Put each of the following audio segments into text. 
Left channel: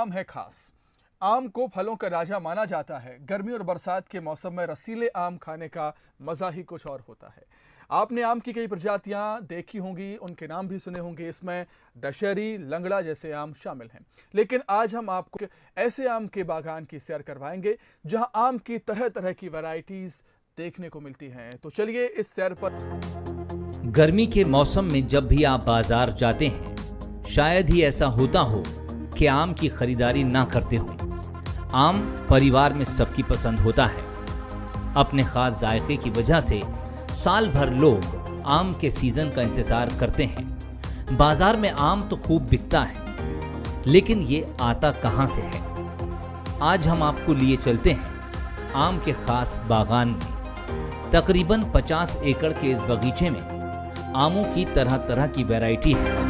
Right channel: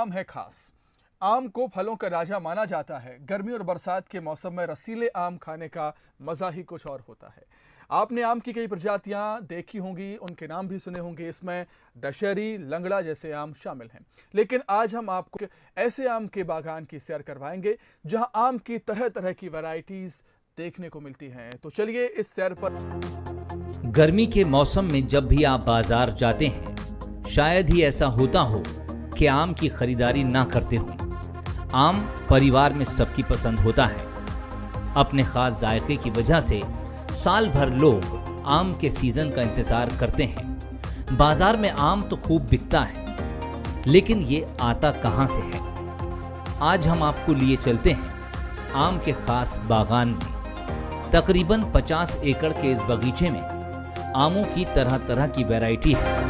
आम है खास। आम को फलों का राजा माना जाता है। गर्मी और बरसात के मौसम में रसीले आम खाने का मजा ही कुछ और होता है। आपने आम की कई प्रजातियां देखी होंगी, उनके नाम भी सुने होंगे। इसमें दशहरी, लंगड़ा जैसे आम शामिल हैं। लेकिन आज हम आपको ऐसे आम के बागान की सैर करवाएंगे जहां आम की तरह तरह की वैरायटीज देखने को मिलती हैं। तो चलिए इस सैर पर। गर्मी के मौसम में जब भी आप बाजार जाते हैं, शायद ही ऐसा होता हो कि आम की खरीदारी ना करते हों। आम परिवार में सबकी पसंद होता है। अपने खास जायके की वजह से साल भर लोग आम के सीजन का इंतजार करते हैं। बाजार में आम तो खूब बिकता है, लेकिन ये आता कहां से है? आज हम आपको लिए चलते हैं आम के खास बागान में। तकरीबन 50 एकड़ के इस बगीचे में आमों की तरह तरह की वैरायटी है।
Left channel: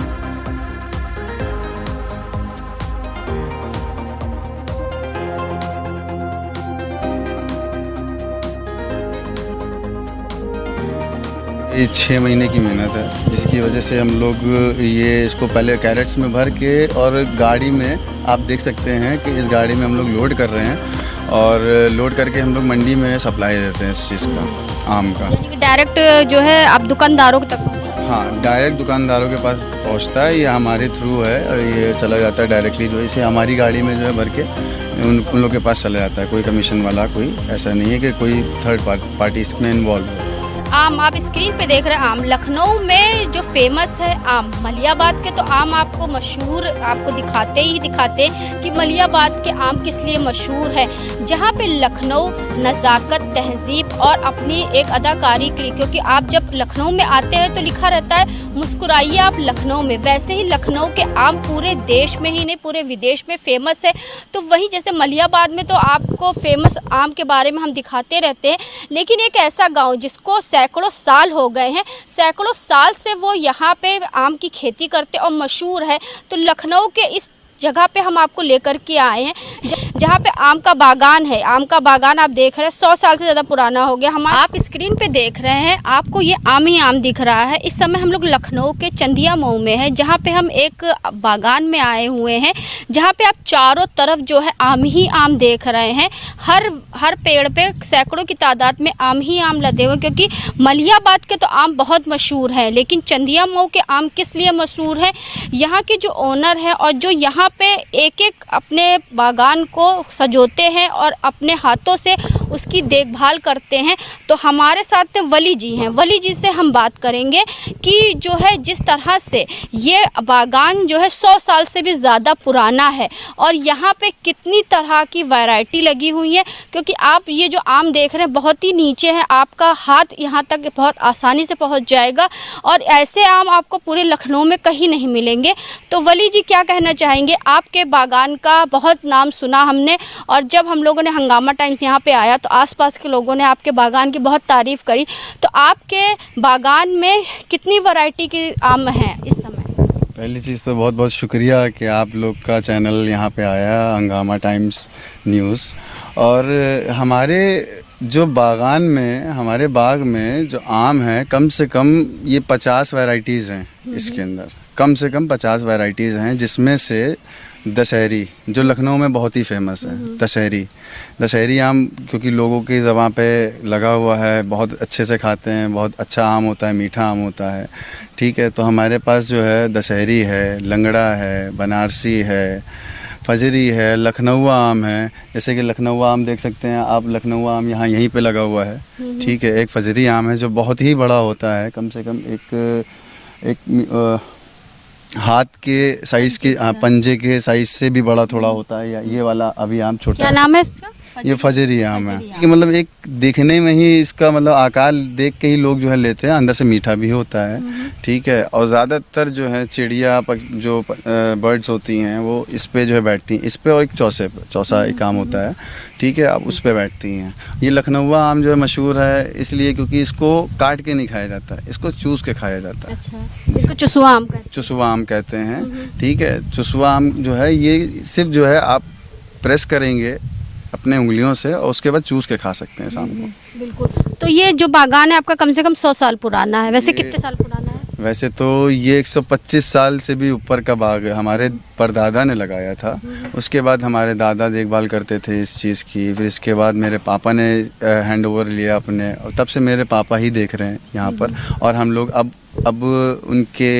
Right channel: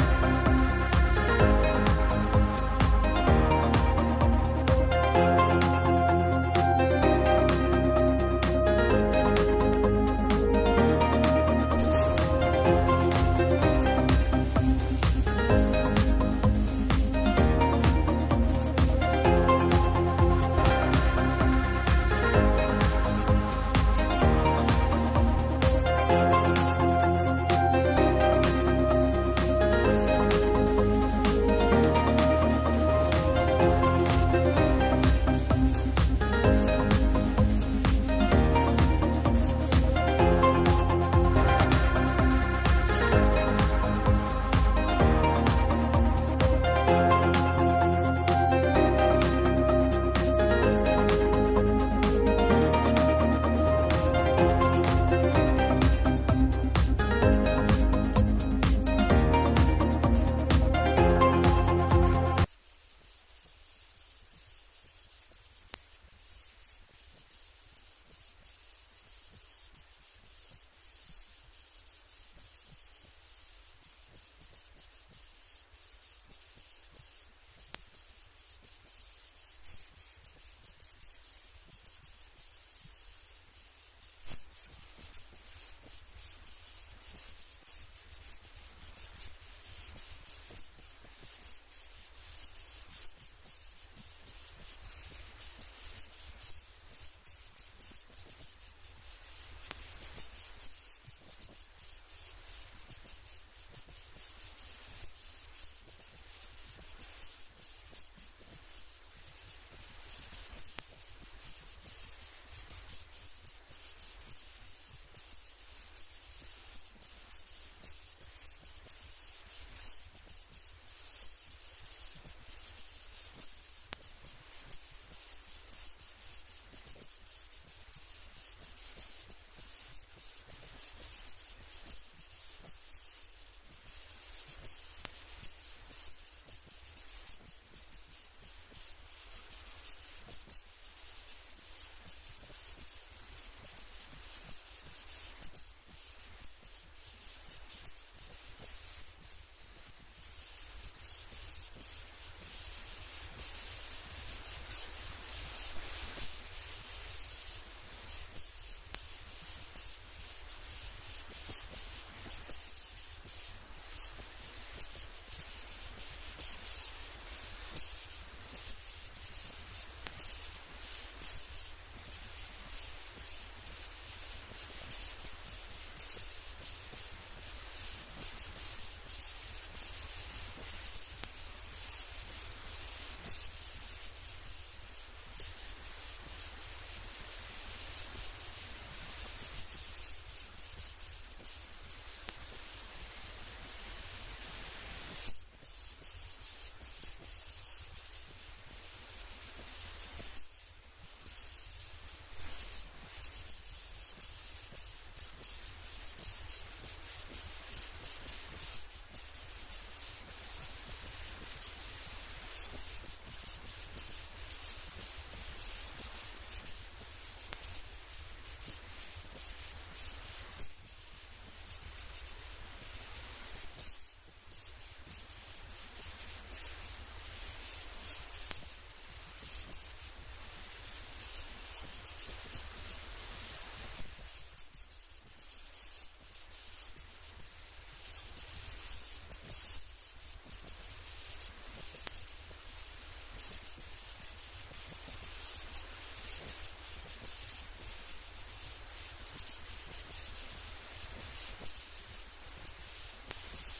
ये 6 महीने की मेहनत है, जिसकी वजह से हम लोग ये इसको पहले कैरेट्स में भर के और गाड़ी में आप देख सकते हैं कि इस गाड़ी में हम लोग लोड कर रहे हैं और लोड करके हम लोग मंडी में सप्लाई देते हैं इस चीज़ का, आम का। डायरेक्ट जो है आप दुकानदारों तक? हाँ, डायरेक्ट दुकानदारों के पास पहुंचता है। ये हमारे थ्रू है और ये चला जाता है डायरेक्टली, जो इसे हमारी गाड़ी में जो है भर के उन लोग के पास चला जाता है। कोई कमीशन वाला कोई ऐसा नहीं है कि कोई थर्ड पार्टी इसमें इन्वॉल्व है। आम आप स्क्रीन पे देख रहे हैं। आम लखनऊ में जो फेमस है आम, मलियाबाद के तो आम आपको मशहूर आपको दिखाते हैं कि मलियाबाद के आम किस लिए मशहूर है। जहाँ पे लखनऊ नज़ाकत, तहजीब और अपनी एक अदाकारी के लिए, क्योंकि आप जब लखनऊ में आते हैं तो लिखा रहता है मुस्कुराइए आप लखनऊ में। वैसे ही लखनऊ के आम पूरे देश में ही नहीं पूरे विदेश में फेमस है। तो वही जैसे मलियाबाद में तो आपको फेमस आम के बारे में हम दिखाते रहते हैं, लेकिन एक ऐसा गाँव जिसको सैकड़ों साल हो गए हैं, सैकड़ों साल से वो यहाँ पे आम की खेती करते और मशहूर है। तो लखनऊ के इस जगह पे हम आपको लेकर के आए हैं जहाँ पे आम का बागान है। आम का बागान आप देख रहे हैं 100 साल से ज़्यादा पुराना हो गया। हम आप स्क्रीन पे देख रहे हैं, आपको ये आम ही आम दिख रहा है। इस समय हम लोग लखनऊ के चंदिया मऊ में है, जहाँ पे हम एक बागान में आए हुए हैं, जहाँ पे आप चारों तरफ जो है आम ही आम देख रहे हैं। हर पेड़ पे सैकड़ों की तादाद में आम ही आम लदे हुए, क्योंकि मलियाबाद के तो आम बहुत मशहूर है, लेकिन चंदिया मऊ के आम किस लिए मशहूर है? यहाँ के जो ओनर है और जो यहाँ पे एक एक अपने बागान को सजोते हैं और अपने हाथों से उसकी देखभाल करते हैं। तो हमारे साथ वली जी हैं। वली जी से हम बात करेंगे कि जो है जिस तरह से ये बागान जो है 100 साल से भी ज़्यादा पुराना है और यहाँ पे कितनी तरह की वैरायटी लगी हुई है। क्योंकि आप ये जो आम देख रहे हैं बहुत ही नीचे है, आपका हाथ यहाँ तक बहुत आसानी से पहुँच जाएगा और ऐसे आम आपको पूरे लखनऊ में कहीं नहीं मिलेंगे। तो वली जी क्या कहना चाहेंगे? आपके बागान का बहुत नाम सुना हमने, और जब हम लोगों ने हंगामा टाइम्स यहाँ पे आया तो आसपास के लोगों ने आपके बागान की बहुत तारीफ़ करी। तो आपके बागान में कितनी वैरायटी के आम हैं इस समय? पहली चीज़ तो बहुत बहुत शुक्रिया कि आप लोग का चैनल यहाँ पे आया, हंगामा टाइम्स न्यूज़। और हमारे जो बागान में, हमारे बाग में जो आम है, कम से कम ये 50 वैरायटीज़ हैं। इसके अंदर कम से कम 50 वैरायटीज़ हैं, जिसमें से दशहरी जो लखनऊ में बहुत ही फेमस है। दशहरी आम क्योंकि लोगों की ज़बान पे लगा हुआ है, बहुत अच्छे से खाते हैं, बहुत अच्छा आम होता है, मीठा आम होता है। ठीक है, तो हमारे पास जो है दशहरी है, लंगड़ा है, बनारसी है, फजरी है, लखनऊ आम है। जैसे कि लखनऊ आम देख सकते हैं आप, लखनऊ आम यहाँ यहीं पे लगा हुआ है। ठीक है, एक फजरी आम है जो बहुत ही बड़ा होता है, कम से कम एक हाथ के साइज़ के, पंजे के साइज़ से भी बड़ा थोड़ा होता है। या ये वाला अभी आम छोटा क्या नाम है इसका? ये फजरी आम है कि मतलब एक देखने में ही इसका मतलब आकार देख के ही लोग जो है लेते हैं। अंदर से मीठा भी होता है। ठीक है, और ज़्यादातर जो है चिड़िया जो बर्ड्स होती हैं वो इस पे जो है बैठती हैं। इस पे और एक चौसा एक आम होता है। ठीक है, आप उस पे बैठती हैं। ये लखनऊ आम जो है मशहूर है इसलिए क्योंकि इसको काट के नहीं खाया जाता है, इसको चूस के खाया जाता है। अच्छा, इसको चुसवा आम कहते हैं। ठीक है, चुसवा आम जो है ये सिर्फ जो है आप प्रेस करेंगे अपने उंगलियों से और उसके बाद चूस के खा सकते हैं शाम को। बिल्कुल। तो ये जो बागान है आपका कम से कम 100 साल पुराना है। वैसे कितने साल पुराना है? वैसे तो ये 125 साल से भी ऊपर का बाग है, हमारे परदादा ने लगाया था। उसके बाद हमारे दादा देखभाल करते थे इस चीज़ की, फिर इसके बाद मेरे पापा ने हैंड ओवर लिया अपने, और तब से मेरे पापा ही देख रहे हैं यहाँ पर। और हम लोग अब उनके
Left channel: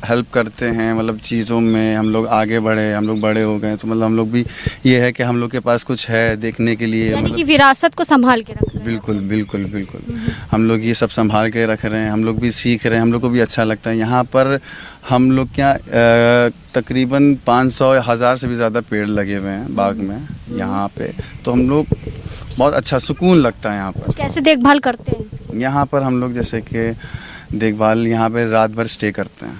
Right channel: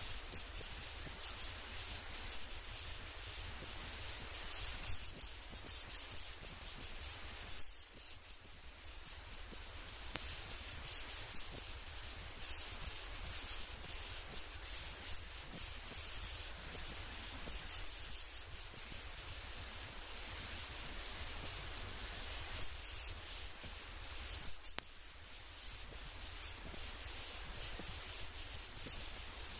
हेल्प करते हैं, मतलब चीज़ों में हम लोग आगे बढ़े, हम लोग बड़े हो गए, तो मतलब हम लोग भी ये है कि हम लोग के पास कुछ है देखने के लिए, यानी कि मतलब विरासत को संभाल के रख रहे हैं। बिल्कुल बिल्कुल बिल्कुल हम लोग ये सब संभाल के रख रहे हैं, हम लोग भी सीख रहे हैं, हम लोग को भी अच्छा लगता है। यहाँ पर हम लोग क्या तकरीबन 500-1000 से भी ज़्यादा पेड़ लगे हुए हैं बाग में यहाँ पे, तो हम लोग बहुत अच्छा सुकून लगता है यहाँ पर। कैसे देखभाल करते हैं? यहाँ पर हम लोग जैसे कि देखभाल यहाँ पे रात भर स्टे करते हैं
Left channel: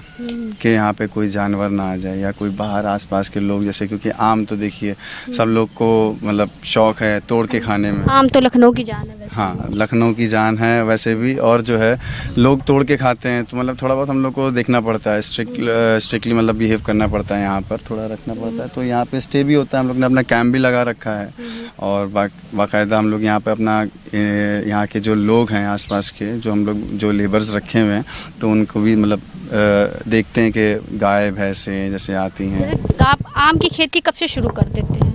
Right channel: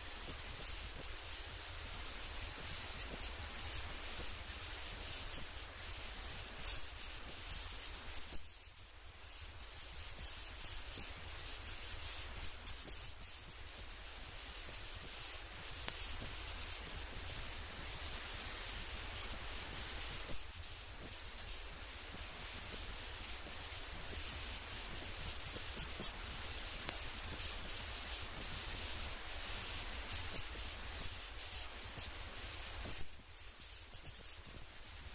कि यहाँ पे कोई जानवर ना आ जाए या कोई बाहर आसपास के लोग, जैसे क्योंकि आम तो देखिए सब लोग को मतलब शौक़ है तोड़ के खाने में। आम तो लखनऊ की जान है वैसे। हाँ, लखनऊ की जान है वैसे भी, और जो है लोग तोड़ के खाते हैं, तो मतलब थोड़ा बहुत हम लोग को देखना पड़ता है, स्ट्रिक्टली मतलब बिहेव करना पड़ता है, यहाँ पर थोड़ा रखना पड़ता है। तो यहाँ पे स्टे भी होता है, हम लोग ने अपना कैंप भी लगा रखा है, और बाकायदा हम लोग यहाँ पे अपना यहाँ के जो लोग हैं आसपास के, जो हम लोग जो लेबर्स रखे हुए हैं, तो उनको भी मतलब देखते हैं कि गाय भैंसें जैसे आती हैं। जैसे आप आम की खेती कब से शुरू कर देते हैं?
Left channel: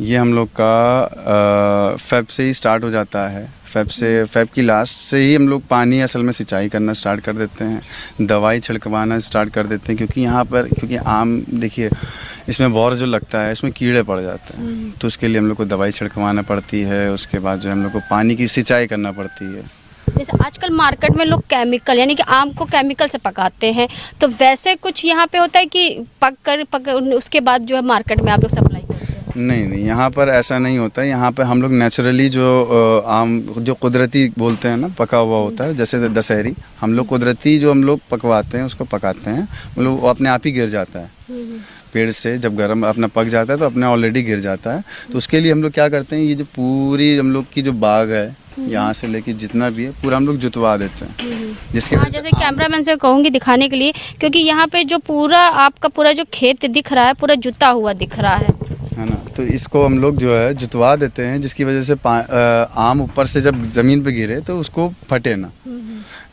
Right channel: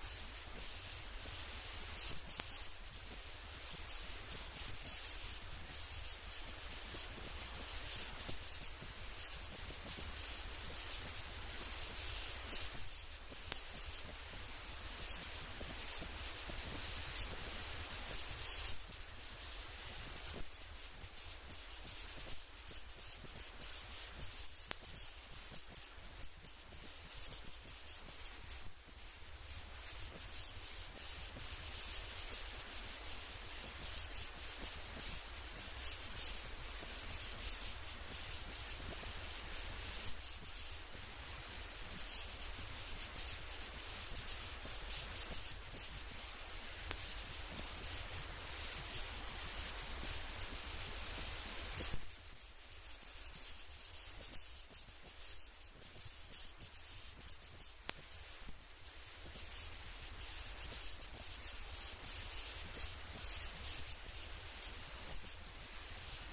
ये हम लोग का फेब से ही स्टार्ट हो जाता है। फेब की लास्ट से ही हम लोग पानी असल में सिंचाई करना स्टार्ट कर देते हैं, दवाई छिड़कवाना स्टार्ट कर देते हैं, क्योंकि यहाँ पर क्योंकि आम देखिए इसमें बौर जो लगता है इसमें कीड़े पड़ जाते हैं, तो उसके लिए हम लोग को दवाई छिड़कवाना पड़ती है। उसके बाद जो हम लोग को पानी की सिंचाई करना पड़ती है। जैसे आजकल मार्केट में लोग केमिकल यानी कि आम को केमिकल से पकाते हैं, तो वैसे कुछ यहाँ पे होता है कि पक उसके बाद जो है मार्केट में आप लोग सप्लाई करते हैं? नहीं, यहाँ पर ऐसा नहीं होता है। यहाँ पर हम लोग नेचुरली जो आम जो कुदरती बोलते हैं ना, पका हुआ होता है, जैसे दशहरी, हम लोग कुदरती जो हम लोग पकवाते हैं उसको पकाते हैं, मतलब वो अपने आप ही गिर जाता है पेड़ से। जब गर्म अपना पक जाता है तो अपने ऑलरेडी गिर जाता है। तो उसके लिए हम लोग क्या करते हैं, ये जो पूरी हम लोग की जो बाग है यहाँ से लेके जितना भी है पूरा हम लोग जुतवा देते हैं, जिसके हाँ, जैसे कैमरामैन से कहूँगी दिखाने के लिए, क्योंकि यहाँ पे जो पूरा आपका पूरा जो खेत दिख रहा है पूरा जुता हुआ दिख रहा है ना, तो इसको हम लोग जो है जुतवा देते हैं, जिसकी वजह से आम ऊपर से जब ज़मीन पे गिरे तो उसको फटे ना,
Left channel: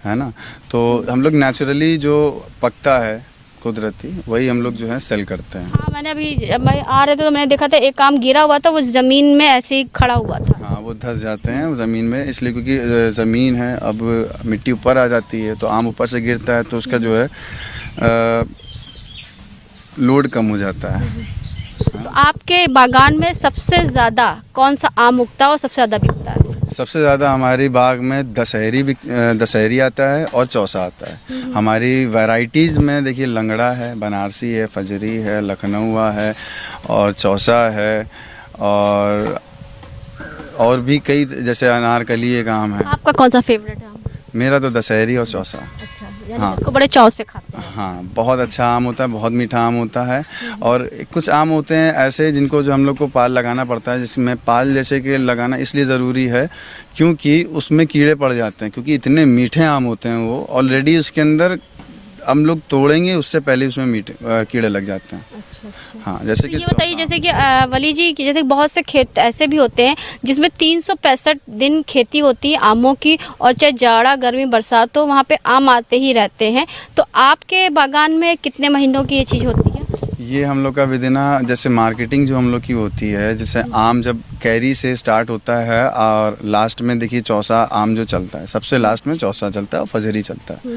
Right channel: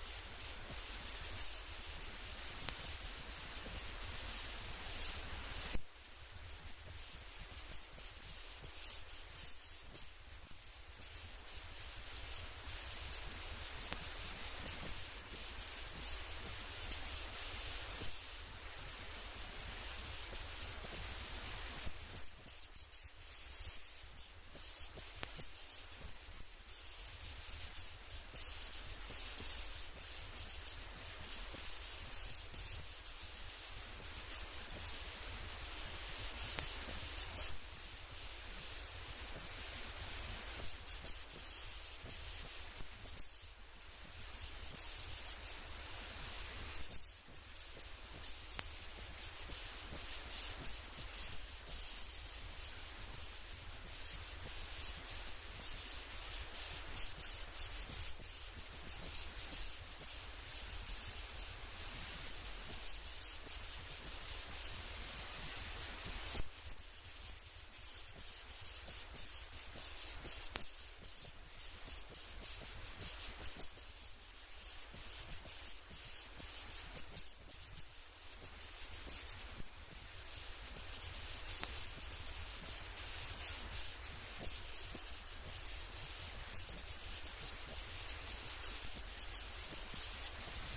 है ना। तो हम लोग नेचुरली जो पकता है कुदरती वही हम लोग जो है सेल करते हैं। हाँ, मैंने अभी मैं आ रहे थे तो मैंने देखा था एक आम गिरा हुआ था, वो ज़मीन में ऐसे ही खड़ा हुआ था। हाँ, वो धंस जाते हैं ज़मीन में, इसलिए क्योंकि ज़मीन है, अब मिट्टी ऊपर आ जाती है तो आम ऊपर से गिरता है, तो उसका जो है लोड कम हो जाता है। तो आपके बागान में सबसे ज़्यादा कौन सा आम उगता है और सबसे ज़्यादा बिकता है? सबसे ज़्यादा हमारी बाग में दशहरी आता है और चौसा आता है। हमारी वैरायटीज़ में देखिए लंगड़ा है, बनारसी है, फजरी है, लखनऊआ है और चौसा है, और भी कई, जैसे अनारकली एक आम है। आपका कौन सा फेवरेट है आम? मेरा तो दशहरी और चौसा। अच्छा, यानी हाँ, इसको बड़े चाव से खाते हैं। हाँ, बहुत अच्छा आम होता है, बहुत मीठा आम होता है। और कुछ आम होते हैं ऐसे जिनको जो हम लोग को पाल लगाना पड़ता है, जिसमें पाल जैसे कि लगाना इसलिए ज़रूरी है क्योंकि उसमें कीड़े पड़ जाते हैं, क्योंकि इतने मीठे आम होते हैं वो, ऑलरेडी उसके अंदर हम लोग तोड़ेंगे उससे पहले उसमें मीठे कीड़े लग जाते हैं। अच्छा। हाँ, जैसे तो कि ये बताइए, जैसे कि वली जी की, जैसे बहुत से खेत ऐसे भी होते हैं जिसमें 365 दिन खेती होती है आमों की, और चाहे जाड़ा गर्मी बरसात हो वहाँ पे आम आते ही रहते हैं। तो आपके बागान में कितने महीनों की ये चीज़ होती है? ये हम लोग का विदिना जैसे मार्केटिंग जो हम लोग की होती है, जैसे आम जब कैरी से स्टार्ट होता है और लास्ट में देखिए चौसा आम जो चलता है, सबसे लास्ट में चौसा चलता है और फजरी चलता है।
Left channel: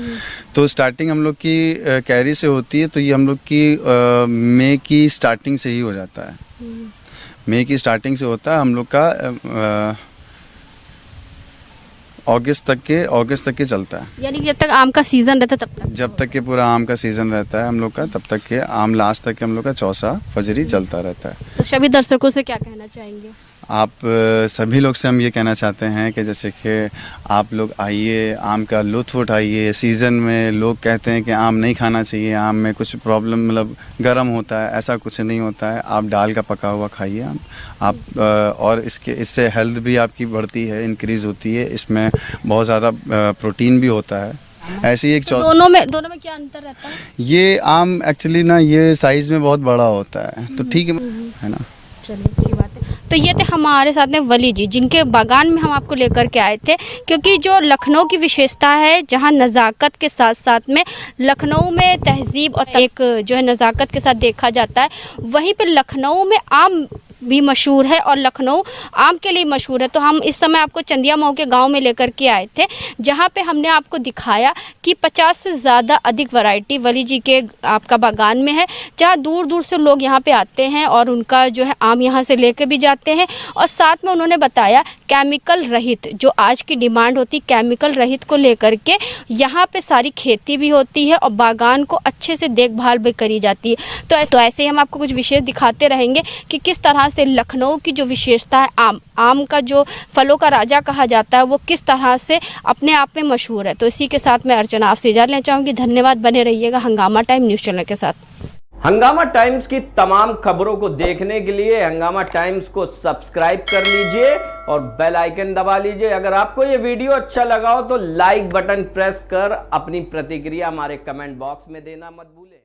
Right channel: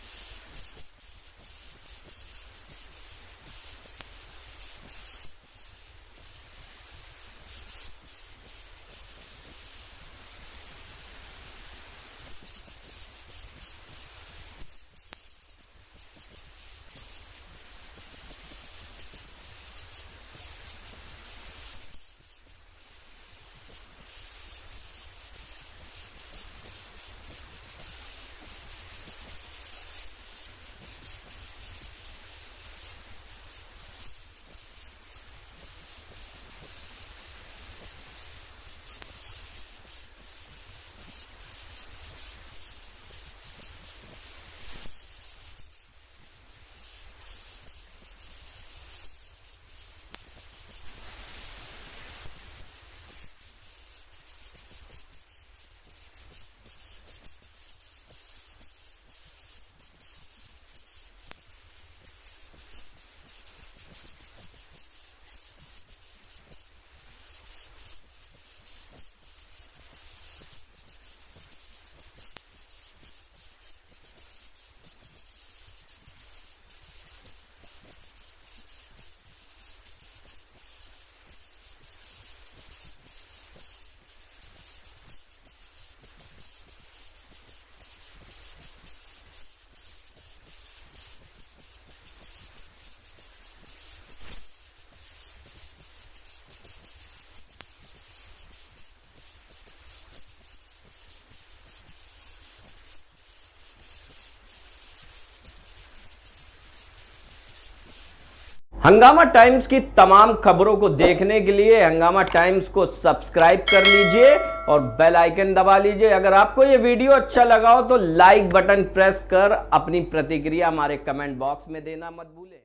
तो स्टार्टिंग हम लोग की कैरी से होती है, तो ये हम लोग की मई की स्टार्टिंग से ही हो जाता है। मई की स्टार्टिंग से होता है हम लोग का अगस्त तक के चलता है। यानी कि जब तक आम का सीज़न रहता है तब तक? जब तक के पूरा आम का सीज़न रहता है हम लोग का, तब तक के आम लास्ट तक के हम लोग का चौसा फजरी चलता रहता है। तो सभी दर्शकों से क्या कहना चाहेंगे? आप सभी लोग से हम ये कहना चाहते हैं कि जैसे कि आप लोग आइए, आम का लुत्फ़ उठाइए। सीज़न में लोग कहते हैं कि आम नहीं खाना चाहिए, आम में कुछ प्रॉब्लम मतलब गर्म होता है, ऐसा कुछ नहीं होता है। आप डाल का पका हुआ खाइए आम, आप और इससे हेल्थ भी आपकी बढ़ती है, इंक्रीज़ होती है। इसमें बहुत ज़्यादा प्रोटीन भी होता है। ऐसी एक तो दोनों में क्या अंतर रहता है? ये आम एक्चुअली ना ये साइज़ में बहुत बड़ा होता है, तो ठीक है ना। चलिए, अच्छी बात है। तो ये थे हमारे साथ में वली जी, जिनके बागान में हम आपको लेकर के आए थे, क्योंकि जो लखनऊ की विशेषता है, जहाँ नज़ाकत के साथ साथ में लखनऊ में तहजीब और एक जो है नज़ाकत के साथ देखा जाता है, वहीं पे लखनऊ में आम भी मशहूर है और लखनऊ आम के लिए मशहूर है। तो हम इस समय आपको चंदिया मऊ के गांव में लेकर के आए थे, जहां पे हमने आपको दिखाया कि 50 से ज़्यादा अधिक वैरायटी वली जी के आपका बागान में है, जहां दूर दूर से लोग यहां पे आते हैं और उनका जो है आम यहां से लेके भी जाते हैं। और साथ में उन्होंने बताया केमिकल रहित, जो आज की डिमांड होती केमिकल रहित को लेकर के यहाँ पे सारी खेती भी होती है और बागान को अच्छे से देखभाल भी करी जाती है। तो ऐसे ही हम आपको कुछ विशेष दिखाते रहेंगे कि किस तरह से लखनऊ की जो विशेषता है, आम का जो फलों का राजा कहा जाता है, वो किस तरह से अपने आप में मशहूर है। तो इसी के साथ मैं अर्चना आपसे इजाज़त लेना चाहूँगी। धन्यवाद, बने रहिएगा हंगामा टाइम न्यूज़ चैनल के साथ। हंगामा टाइम्स की तमाम खबरों को देखने के लिए हंगामा टाइम्स को सब्सक्राइब कर लीजिए और बेल आइकन दबा लीजिए। अगर आपको ये वीडियो अच्छा लगा हो तो लाइक बटन प्रेस कर अपनी प्रतिक्रिया हमारे कमेंट बॉक्स में देना मत भूलें।